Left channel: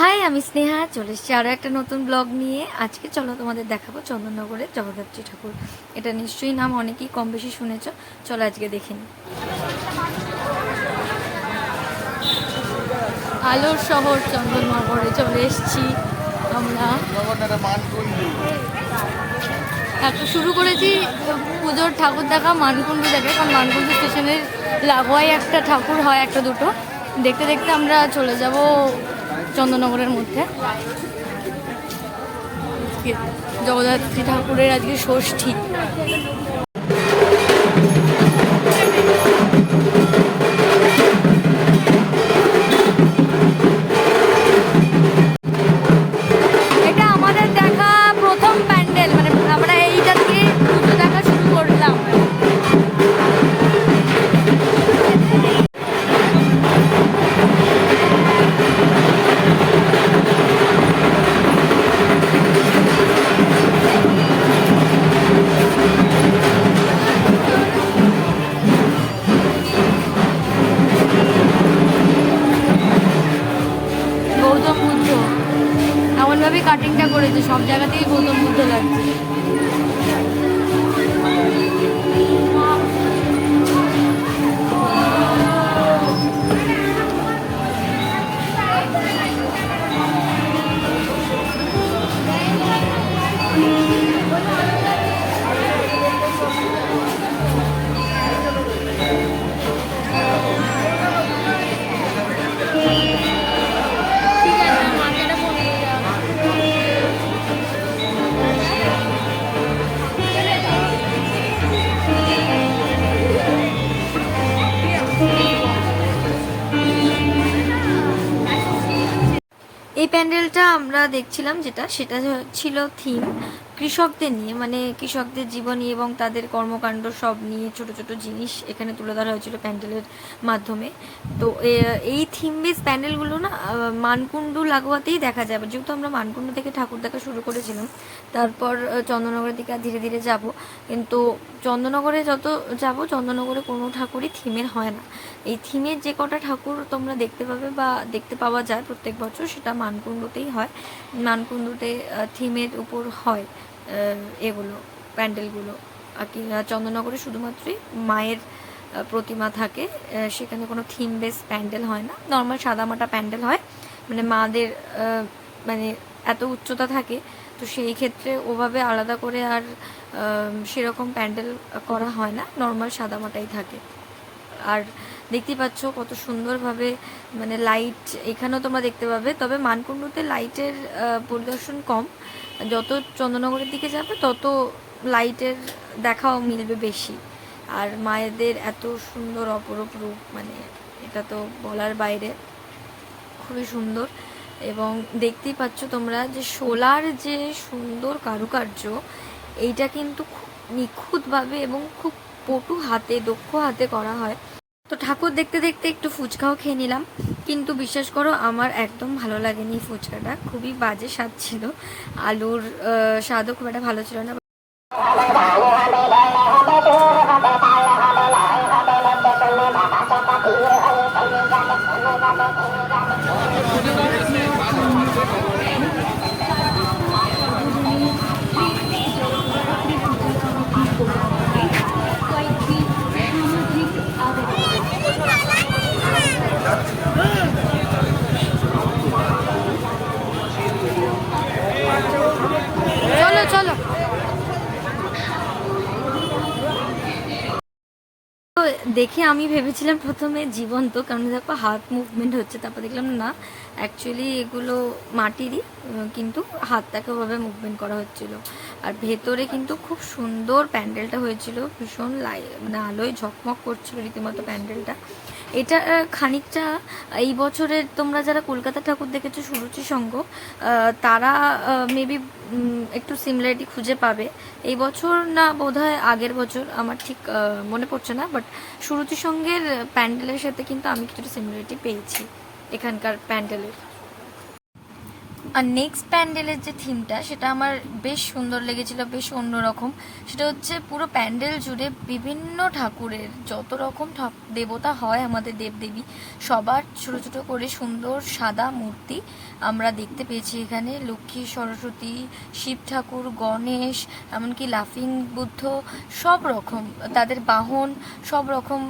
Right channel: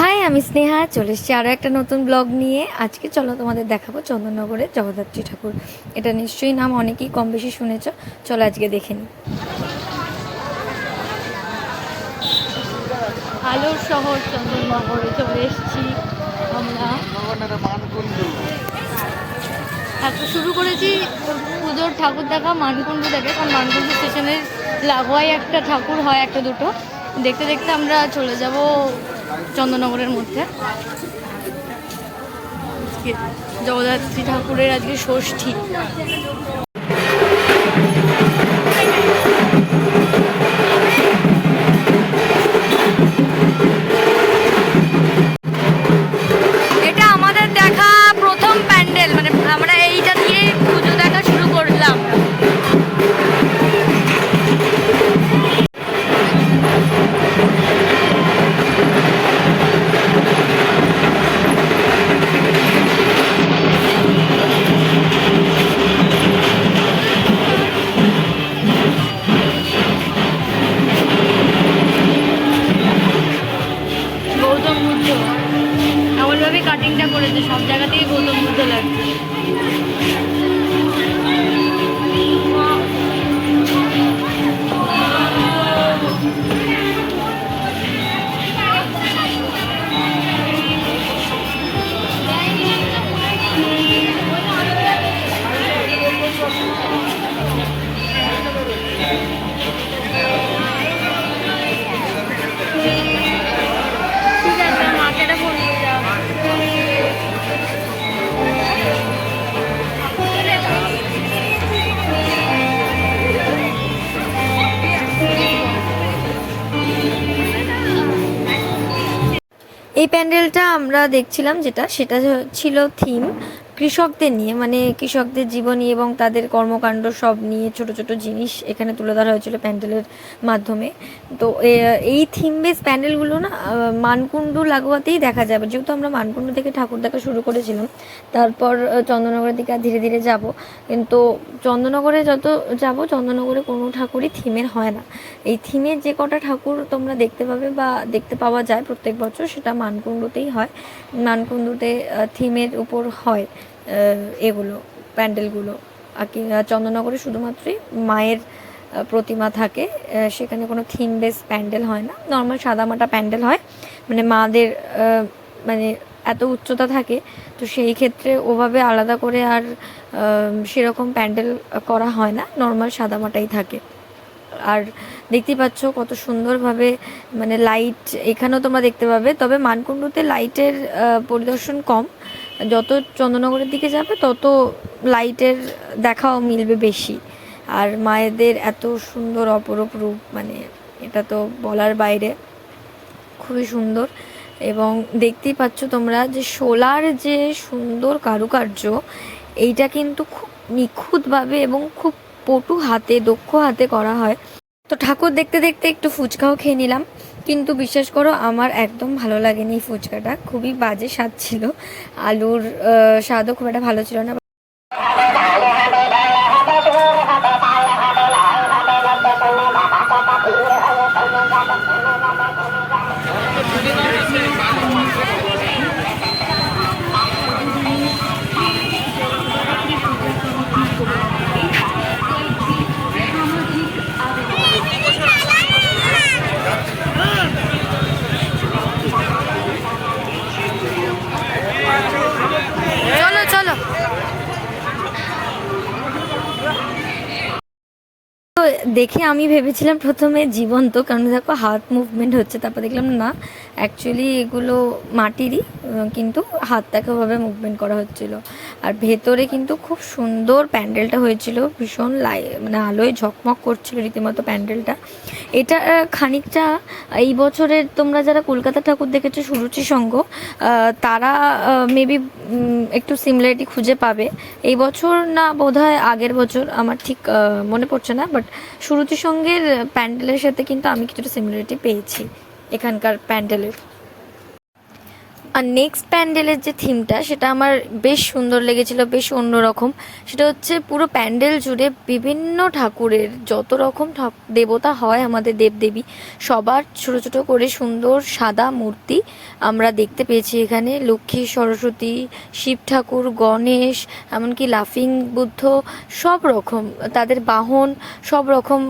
High, আমি স্নেহা, চলে এসেছি আরও একটা নতুন ব্লগ নিয়ে। আজকে চলো তোমাদের দেখাবো চন্দননগরের জগদ্ধাত্রী ঠাকুর। এটা নিশ্চয়ই নাম অনেকেই কম বেশি শুনেছ। চলো আজকে দেখে নিই। আলোর শহর চন্দননগরে চলে এসেছি আমরা। একটা শুরু করেছি পুজোর ঠাকুর দেখা, মানকুণ্ডু দেখে, কারণ মানকুণ্ডু স্টেশনের লাগোয়াই একটা ঠাকুর হয়, একটা দুটো। দেখতে দেখতে আমরা চলে যাব চন্দননগরের মধ্যে। জগদ্ধাত্রী ঠাকুরের আজকে ষষ্ঠী। এই প্যান্ডেলটা আমরা দেখছিলাম যেটা সেটা ছিল থিম কৃষকদের নিয়ে মানে কৃষকদের জীবনী এবং তাদের কর্মকাণ্ড সব নিয়ে ছোট ছোট জিনিস এখানে তুলে ধরা হয়েছিল প্যান্ডেলের মাধ্যমে। তো এই থিম বেস প্যান্ডেলগুলো না মানকুণ্ডু লাগোয়াতেই দেখা যাবে। যেহেতু আমরা মানকুণ্ডু থেকে ঠাকুর দেখা শুরু করেছিলাম তারপর আহ, চন্দননগরের দিকে ধীরে ধীরে যাব। কিন্তু চন্দননগরে যত যাব চন্দননগরে কোনো ঠাকুরই থিমের হয় না। এই থিমের যে কটা ঠাকুর তোমরা দেখতে পাবে বা দেখতে পাওয়া যায় প্রত্যেক বছর সেটা মানকুণ্ডুতেই হয়। মানকুণ্ডুতে থিমের উপর হয়। এগুলো, প্যান্ডেলগুলো। আর কি চন্দননগরে শুধুমাত্রই মায়ের প্রতিমা থাকে। সেখানে কোনো থিম বেস প্যান্ডেল হয় না। নর্মাল সাদামাটা প্যান্ডেল হয়। মানে মাদের মানে এত উচ্চতা থাকে, তো সেই ক্ষেত্রে ওভাবে আলাদা করে আর সেরকম প্যান্ডেল করা হয় না। নর্মাল সাদামাটাই থাকে। আর দেখতেই পাচ্ছ কত সুন্দরভাবে মানে লাইট এখানেও তোমরা দেখতে পাবে, তবে মানকুণ্ডুতে লাইটের পরিদর্শন কম। যত চন্দ্রনগরের দিকে যাবে, তত লাইটের দেখাও মিলবে বেশি। আর মায়েদের এত সুন্দর অপরূপ রূপ মানে এটা তো বলার বাইরে, খুবই সুন্দর। এবং দেখতেই পাচ্ছ তোমরা যে শোলার যে সুন্দর কারুকার্য, এইটা কিন্তু খুব নিখুঁতভাবে এবং খুব পটু হাতে, দক্ষ হাতে করা হয়। তো ঠাকুর দেখতে দেখতে একটু ফুচকাও খেয়ে নিলাম। কিন্তু বিশ্বাস করো, আমার একদম ভালো লাগেনি ফুচকাটা। খুবই বাজে স্বাদ ছিল। আলুর স্বাদও খুব একটা ভালো ছিল না। দেখে আমি ভেবেছিলাম প্রথমে জীবন্ত কারণ দেখো হার্ট মুভমেন্ট হচ্ছে তারপর দেখলাম না অ্যাকচুয়ালি এগুলো মাটিরই কিন্তু হাতটাকে ওভাবে মুভমেন্ট করা হচ্ছিল। আর ভেতরে কিন্তু খুব সুন্দর প্যান্ডেলটা হয়েছিল, ভীষণ লাই মানে আলোয় ঝকমক করছিল রীতিমতো প্যান্ডেলটা। এটা খানিকটা, এই বছরের তোমরা যারা কলকাতা ঠাকুর দেখেছ, সুরুচি সঙ্গ তারা মেবি একটু সিমিলারিটি খুঁজে পাবে। এই বছর না, বোধহয় আগের বছর, আমার ঠিক মনে পড়ছে না বাট সুরুচি সঙ্গের প্যান্ডেলের সাথে কিন্তু আমি কিছুটা সিমিলারিটি পেয়েছি। এখানকার প্যান্ডেলের। আর নেক্সট প্যান্ডেলের যে থিমটা সেটা আমার বেশ সুন্দর লেগেছিল, বেশ অন্যরকম। সেটা হচ্ছে পুরো প্যান্ডেল জুড়ে বিভিন্ন ঠাকুরের যত রকম দেবতা হয় আমাদের দেবদেবী, সবার ছোট ছোট করে সুন্দর সাদা মূর্তি আমরা দেখতে পেয়েছি এখানে। লক্ষ্মী, সরস্বতী, শিব ঠাকুর, গণেশ, এমনকি লাফিং বুদ্ধ, সব রকম, তাদের বাহন সব রকম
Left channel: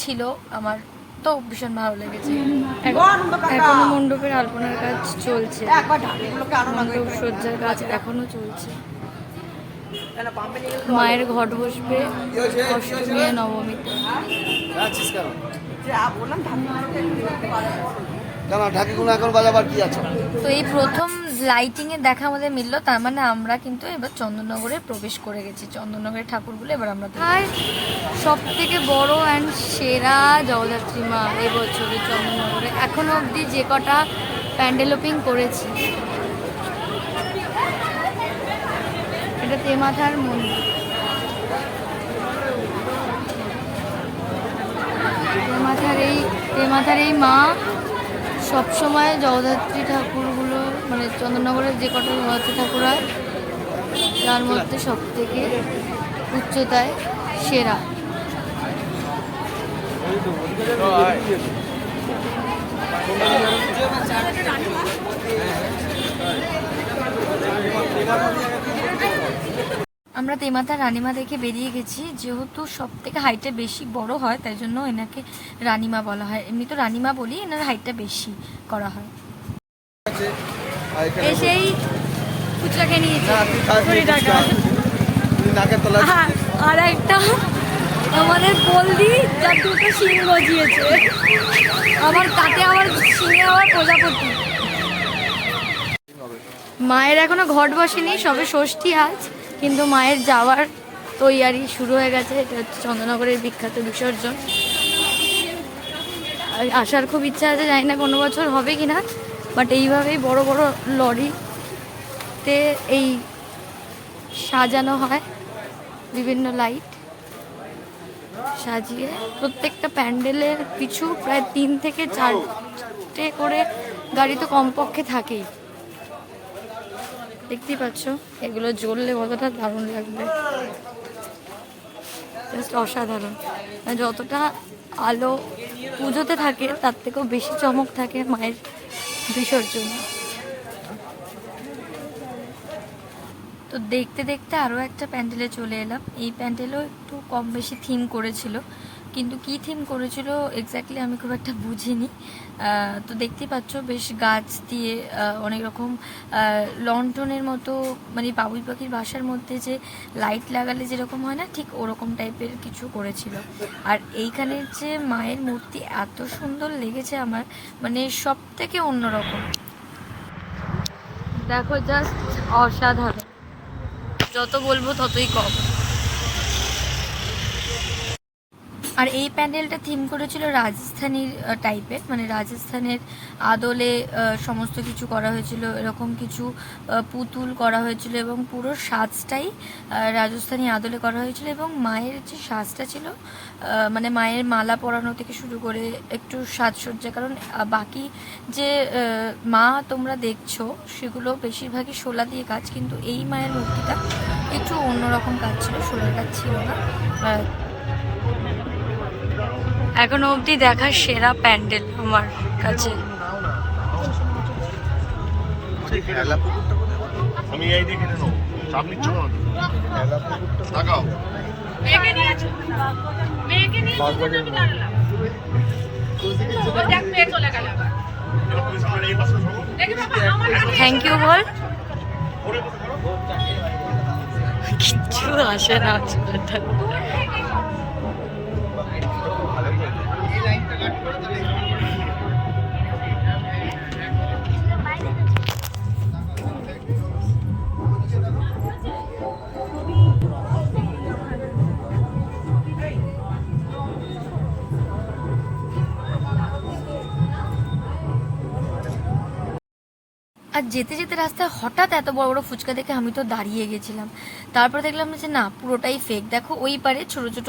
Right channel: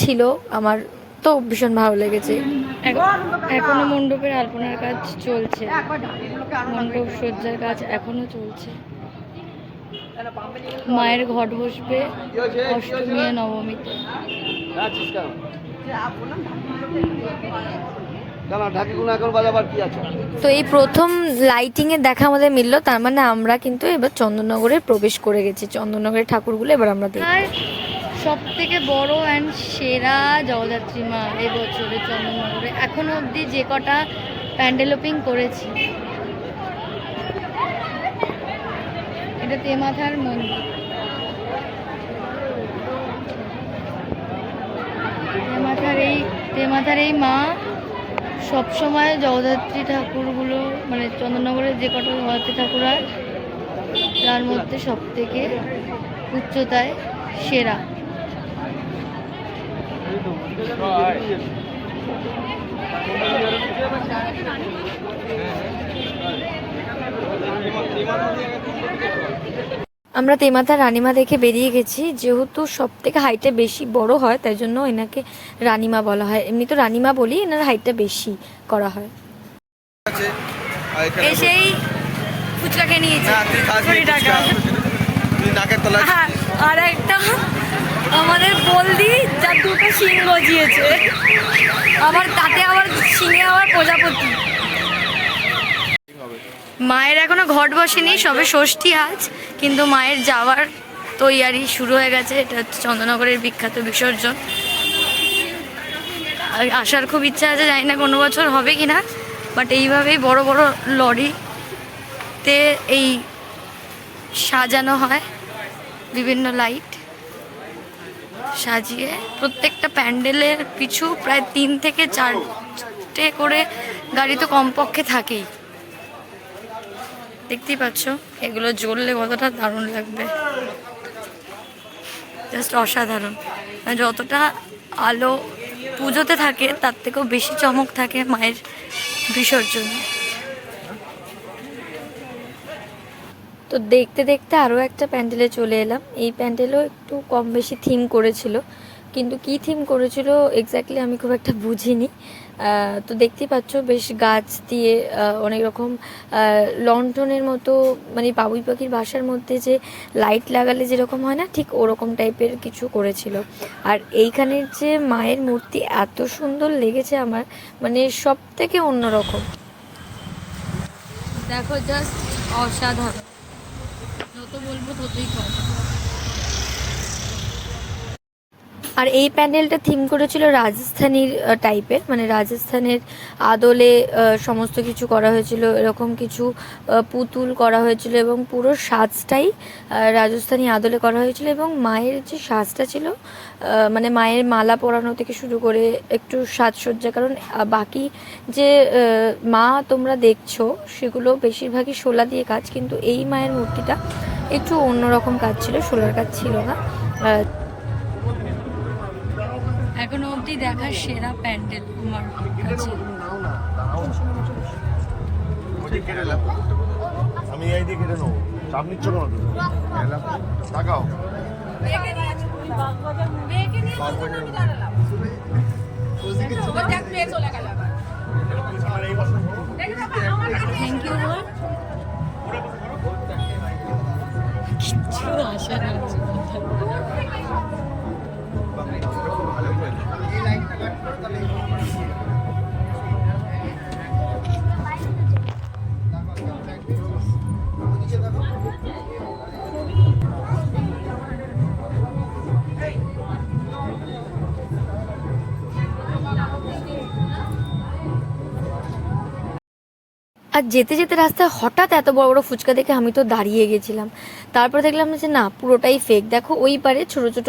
ছিল আমার তো ভীষণ ভালো লেগেছে। এখন- মণ্ডপের আলপনার কাজ চলছে। মণ্ডপ সজ্জার কাজ এখনও চলছে। মায়ের ঘট বসবে অষ্টমী নবমীতে। তো এই প্রথম লাইটিং এর দেখা আমাদের মিললো, তার মানে আমরা কিন্তু এবার চন্দননগরে প্রবেশ করে গেছি। চন্দননগরের ঠাকুরগুলো এবার আমরা সব থেকে বড় অ্যান্ড সেরা জগদ্ধাত্রী মা এই বছরের চন্দননগরে এখনও অবধি যে কটা প্যান্ডেল ওপিং করেছি। এটা তেমাথার মন্দির। তেমাথার এই তেমাথার এই মা সবসময় জগদ্ধাত্রী ঠাকুরগুলো মানে চন্দননগরের যে কটা জগদ্ধাত্রী ঠাকুর হয়, তার মধ্যে সব থেকে উচ্চতায় সেরা। আমরা তেমাতা রানিমা দেখে বেরিয়ে গেছি যেহেতু সব থেকে হাইটে বেশি বড় হয় তাই জন্য এনাকে রানিমা বলা হয়। এমনি তো রানিমা বলি এনার হাইটটা বেশি করা হয়। সেই ফুচকা খেয়ে নিয়েছি তলা আর- আর একটা আমাদের বলদি যা দুটো সিং গজিয়েছে। আবার তাতে আবার সিংয়ে আবার প্রজাপতি। মায়ের এখনও ঘট বসেনি, সবে ষষ্ঠী আজ, কিন্তু মায়ের যাওয়ার তৈয়ারি শুরু হয়ে গেছে। এটা হচ্ছে চন্দ্রনগরের বিখ্যাত বিসর্জন। আসার খুব ইচ্ছা আছে, জানি না কোনো বছর হবে কিনা বাট এইভাবেই বড় বড় লরিতে এই সাজানো হয়, বিভিন্ন লাইট সাজিয়ে প্রত্যেকটা প্যান্ডেলের পিছু প্রায় তিন থেকে চারটে করে গাড়ি তো কমপক্ষে থাকেই। দেখতেই পাচ্ছ, এগুলো জ্বললে কতটা দারুণ লাগবে। জাস্ট অসাধারণ। মানে যতটা আলো পুজোতে থাকে, তার থেকেও বেশি চমক থাকে মায়ের বিসর্জনে। তো দেখতে দেখতে আরও একটা প্যান্ডেলে চলে এলাম। এই প্যান্ডেলও একটু কম বেশি থিম করেছিল। কিন্তু কি থিম করেছিল এক্স্যাক্টলি আমি খুব একটা বুঝিনি। তো দেখতেই পাচ্ছ বেশ গাছ দিয়ে অনেক রকম লন্ঠনের মতো মানে বাবুই পাখির বাসার মধ্যে যে লাইট লাগালে যেরকম হয় না, ঠিক ওরকম টাইপের কিছু করেছিল। আর এইখানের যে মায়ের মূর্তি এত সুন্দর লেগেছে আমার মানে সব থেকে অন্যরকম। দেখো জাস্ট অসাধারণ। যত বলব ততই কম। আর এই প্যান্ডেলটা থিম করেছিল রাজস্থানীর টাইপের মানে রাজস্থানের আদলে সমস্ত কিছু করা হয়েছিল, এরকম কিছু পুতুল করা হয়েছিল এবং পুরো সাজটাই রাজস্থানী আদলে করা হয়েছিল এবং মায়ের যে সাজটা ছিল মানে মায়ের মালা পরানো থেকে শুরু করে একটু সাজসজ্জা, কারণ বাকি যে মা তোমরা দেখছ, সেগুলো বেশিরভাগই শোলা দিয়ে কাজ, কিন্তু এই মায়ের মূর্তিটা একটু অন্যরকম কাজ ছিল, শোলার কাজ ছিল না এখনও অবধি দেখা সেরা প্যান্ডেল আমার কাছে। এই দিকে নেব চাপ নিচ্ছ না আর যেতে যেতে রাস্তায় হঠাৎ এত বড় বড় ফুচকা দেখে আমি তো দাঁড়িয়ে গেছিলাম। তারপর দেখলাম যে না, পুরোটাই ফেক দেখো, ওই পারে ছোট ছোট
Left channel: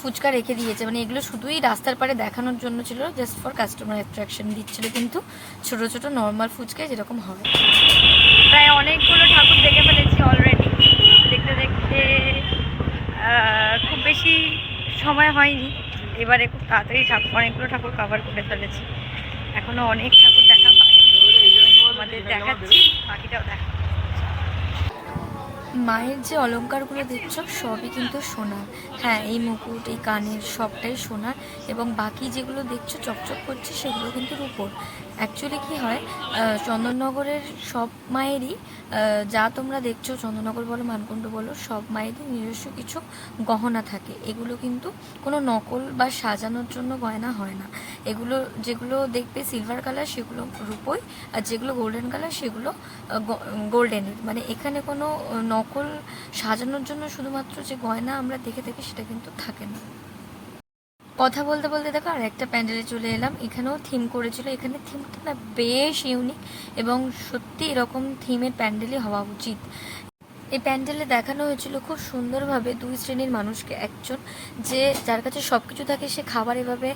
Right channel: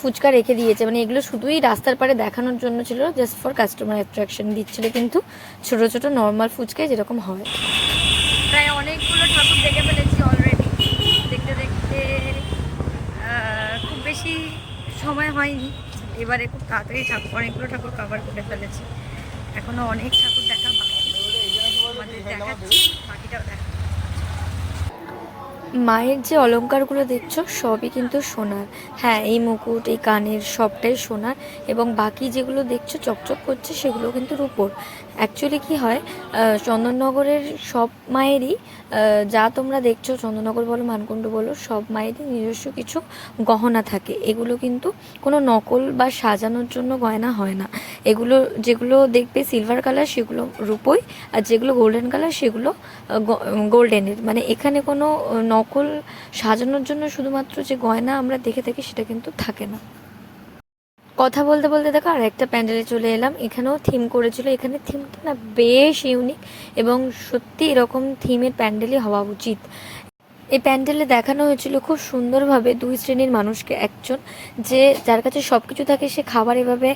ফুচকা রেখে দিয়েছে। মানে এগুলো শুধুই রাস্তার পারে দেখানোর জন্য ছিল জাস্ট ফর কাস্টমার অ্যাট্রাকশন দিচ্ছিল। কিন্তু ছোট ছোট নর্মাল ফুচকায় যেরকম হয়। প্রায় অনেকগুলো ঠাকুর দেখে ফেলেছি অলরেডি দেখতে দেখতে খুব বেশি সময় হয়নি। এবারে খুব তাড়াতাড়ি ঠাকুর, অনেকগুলো ঠাকুর কভার করে ফেলেছি। এখনও অনেক আমাদের দেখাচ্ছি, বাকিটাও দেখা মায়ের যে অলংকারগুলো দেখছ, সবই কিন্তু সোনার হ্যাঁ এই মুকুট, এই কানের সবটাই সোনার এবং বাকি যেগুলো দেখছ, চকচক করছে, সেগুলো কিন্তু রূপোর। অ্যাকচুয়ালি কি হয় চন্দননগরের সব মায়েরই যা তোমরা দেখছ, চন্দননগর বলো, মানকুণ্ড বলো, সব মায়েরই নিজস্ব কিছু গহনা থাকে। এগুলো কিন্তু কোনো নকল বা সাজানোর জন্য গয়না হয় না। এগুলো, যেগুলো দেখবে সিলভার কালার সেগুলো রূপোই, আর যেগুলো গোল্ডেন কালার সেগুলো গোল্ডেনের মানে এখানে কোনো নকল সাজানোর জন্য শুধুমাত্র যে গয়না আমরা দেখে থাকি, সেটা কিন্তু থাকে না। কথা বলতে বলতে দেখো আর একটা প্যান্ডেলে চলে এলাম। এখানেও থিম করেছিল। এখানে থিমটা না বেশ ইউনিক এবং সত্যি এরকম থিমের প্যান্ডেলই হওয়া উচিত। এই প্যান্ডেলে দেখানো হয়েছিল খুব সুন্দরভাবে দুই শ্রেণির মানুষকে, একজন যে যার কাছে সব কিছু থাকে সে খাবার এভাবে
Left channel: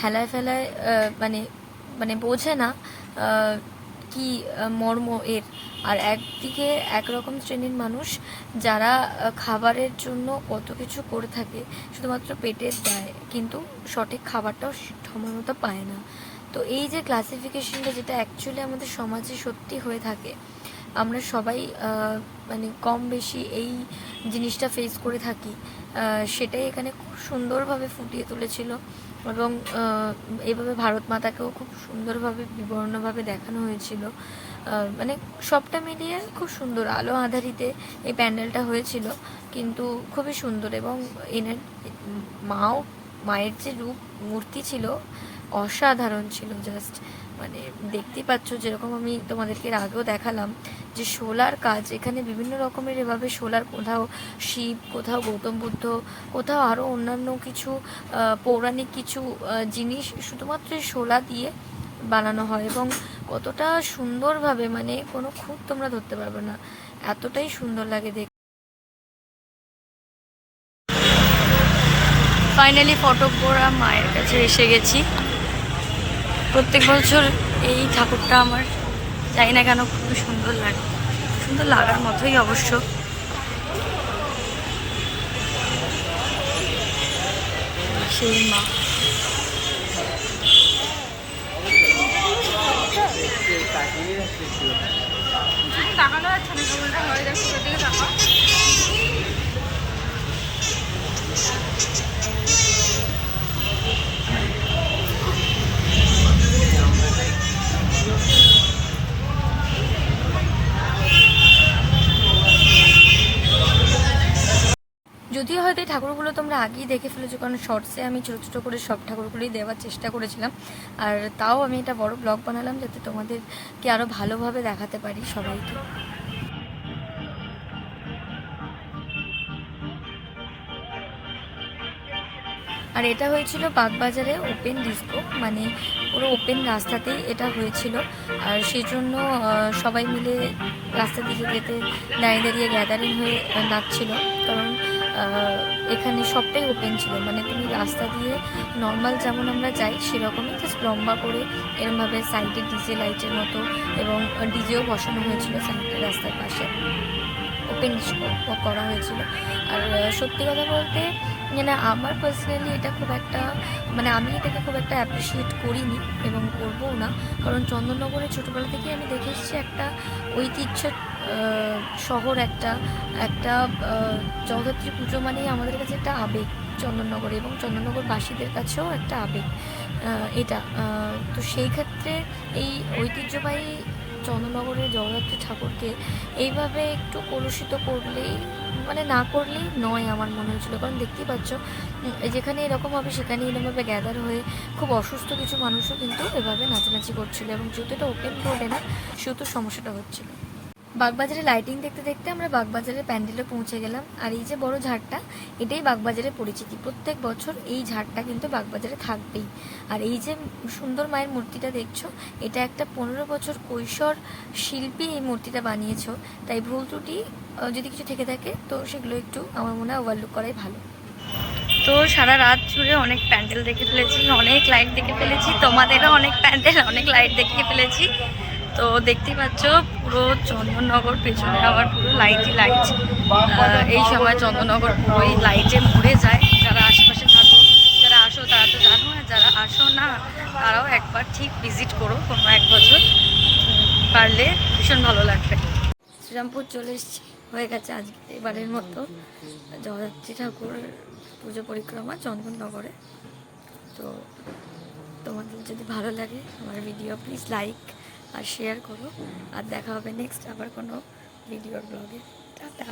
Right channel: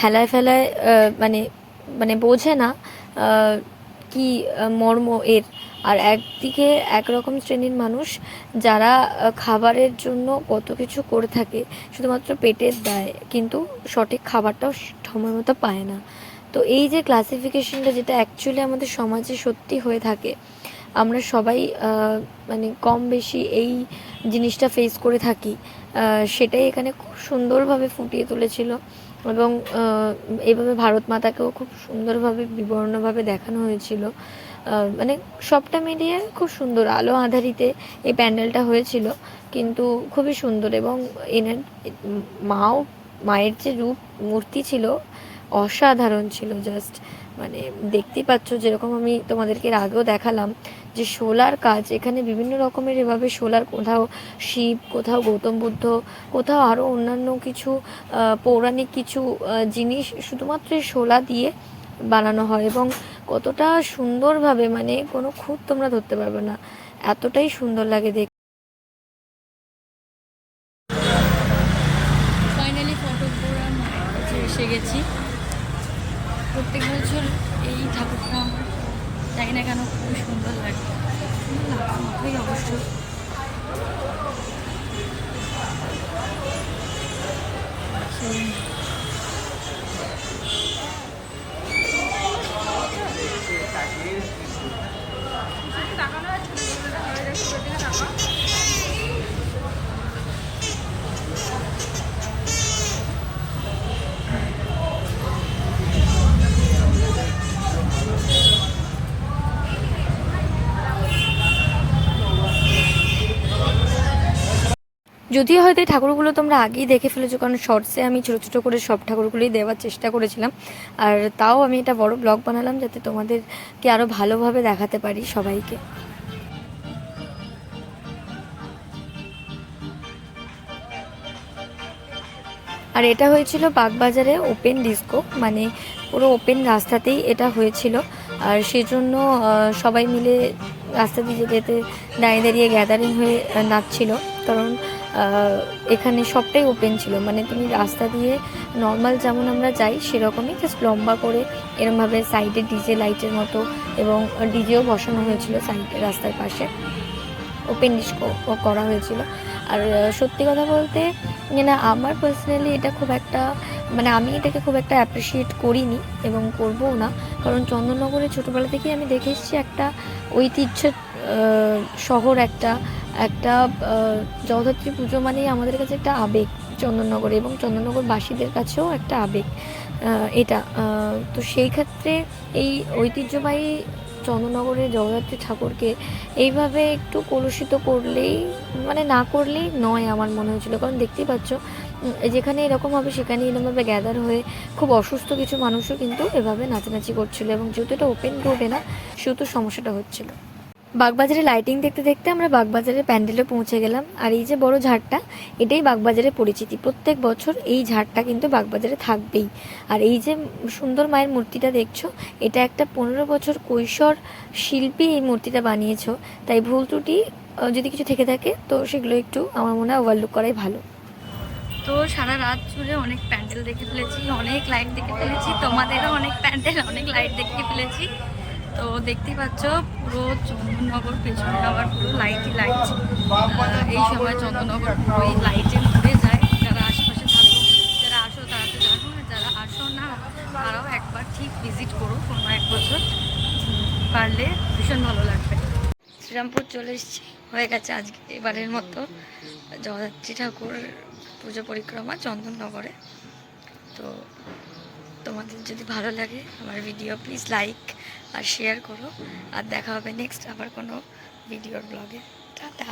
হেলায় ফেলায় মানে মানে বোঝে না কি মর্ম এর। আর একদিকে একরকম শ্রেণির মানুষ যারা খাবারের জন্য কত কিছু করে থাকে, শুধুমাত্র পেটের দেয়, কিন্তু সঠিক খাবারটাও সময় মতো পায় না। তো এই যে ক্লাসিফিকেশনটা যেটা অ্যাকচুয়ালি আমাদের সমাজে সত্যি হয়ে থাকে, আমরা সবাই মানে কম বেশি এই জিনিসটা ফেস করে থাকি সেটাই এখানে খুব সুন্দরভাবে ফুটিয়ে তুলেছিল। এবং আহ, এইভাবে ভারত মাতাকেও খুব সুন্দরভাবে বিবর্ণভাবে দেখানো হয়েছিল। মানে সবটা মিলিয়ে খুব সুন্দর। আলো আধারিতে এই প্যান্ডেলটা হয়েছিল কিন্তু খুবই সুন্দর এবং এনের মাও মায়ের যে রূপ মূর্তি ছিল অসাধারণ ছিল। জাস্ট মানে দেখতেই পাচ্ছ যেরকম আমি তোমাদেরকে আগেও দেখালাম যে শোলার কাজ, এখানে বিভিন্ন রকমের এভাবে শোলার কোথাও শিব, কোথাও গৌতম বুদ্ধ, কোথাও আরও অন্যান্য কিছু পৌরাণিক কিছু জিনিস শুধুমাত্র শোলা দিয়ে বানানো হয় এবং কতটা সুন্দরভাবে মানে কোনো খুঁত তোমরা ধরতে পারবে না, এতটাই সুন্দর লাগে দেখতে ফাইনালি ফটোকোরা মায়ের কাছে এসে গেছি। প্রত্যেক বছর এই ঠাকুরটা আমার জানি না কেন খুবই সুন্দর লাগে, সুন্দর লাগার মতোই অবশ্য। সেই মা। তাকানো যাচ্ছে না যাচ্ছে হয়, দেখো যদিও হয়তো এই ঠাকুরগুলো তোমরা আগেই দেখে ফেলেছো কারণ শর্টসে আমি ছোটো ছোটো করে সব ঠাকুরগুলোই দেওয়ার চেষ্টা করেছিলাম। আর তাও আমি এটা বড় ব্লগ বানালাম যাতে তোমাদেরকে আরও ভালোভাবে দেখাতে পারি সবাইকে। আর এটা হয়েছিল বাগবাজারে ওপেন ডিস্কো মানে পুরো ওপেন রাস্তাতেই এটা হয়েছিল। আর সেই জন্য আহ, সবাই মিলে রাস্তা দিয়ে যেতে দাঁড়িয়ে দাঁড়িয়ে গ্যাদারিং হয়ে নাচছিল। কারণ এখানে সবটাই ওপেন ছিল। মানে তুমি রাস্তা দিয়ে নর্মাল যেমন আমরা যাই, সেরকমই জাস্ট লম্বা করে এরমভাবে সাইডে ডিজে লাইটের মতো এবং ডিজেও বসানো হয়েছিল সাইডে রাস্তার পাশে। ওপেন করা হয়েছিল। আর সত্যি কথা বলতে মানে আমার পার্সোনালি এটা খুব একটা মানে আমি এটাকে খুব একটা অ্যাপ্রিসিয়েট করিনি এবং করবও না। কারণ চন্দননগরে ছোটোবেলা থেকেই আমি দেখে এসেছি একটা ঐতিহ্য শহর একটা একটা জগদ্ধাত্রী পুজো মানেই আমাদের কাছে একটা আবেগ চন্দননগর এবং চন্দননগরবাসীদের কাছেও একটা আবেগ এটা। তো সেই ক্ষেত্রে এই ঐতিহ্যবাহী চন্দননগরের জগদ্ধাত্রী ঠাকুরকে এইভাবে একটু কলুষিত করলেই মানে না করলেই নয় আমার মনে হয়েছিল। কারণ দেখতেই পাচ্ছ যেখানে এরকম হবে সেখানে এরকমভাবে গ্যাদার হয়ে খুব অসুস্থ কিছু মানুষও কিন্তু এভাবে নাচানাচি করছিল এবং যেহেতু এটা ওপেন রোডে না, সেহেতু সমস্যাটা হচ্ছিল। বাগবাজারে লাইটিং দেখতে দেখতে আমরা বাগবাজারের প্যান্ডেলে পৌঁছে গেলাম। আর এই যে বড় ঝাড়টা, এটাই বাগবাজারের পরিচিতি। প্রত্যেক বছর এই ঝাড়টা কিন্তু বাগবাজারে থাকবেই। আর এই যে সুন্দর মায়ের মূর্তিটা দেখছ, এটা একটা পনেরো বছর কৈশোর শিল্পী এই মূর্তিটা বানিয়েছ। তাই ভুল ত্রুটি যদি কিছু থেকে থাকে, তো সেগুলো একটু আমার মনে হয় ওভারলুক করাই ভালো। তো সারা রাত জুড়ে অনেক প্যান্ডেল দেখে ফেলেছি, অনেক লাইট দেখে ফেলেছি, তোমাদেরও অনেক প্যান্ডেল, অনেক লাইট দেখে ফেলেছি। তো দেখতে পাচ্ছ, পুরো চন্দননগর পেছনে আবার পুরো লাইটই লাইট এই সময় চন্দননগর পুরোই লাইটে মরে যায়। যারা আশেপাশে থাকো, যারা আসো তারা তো জানো আর যারা আসো না, তারাও একবার ঠিক ভিজিট করো কোনো এক বছর। পারলে ভীষণ ভালো লাগবে। শ্রীরামপুর চলে এসেছি। হয়ে গেছে আজকে এবারের মতো। জগদ্ধাত্রী ঠাকুর পুজো পরিক্রমা চন্দননগরে। তো তোমাদের যদি ভালো লাগে আমার ভিডিও প্লিজ লাইক আর শেয়ার করো। আর দেখা হবে নেক্সট আবার কোনো ভিডিওর ব্লগে টাটা।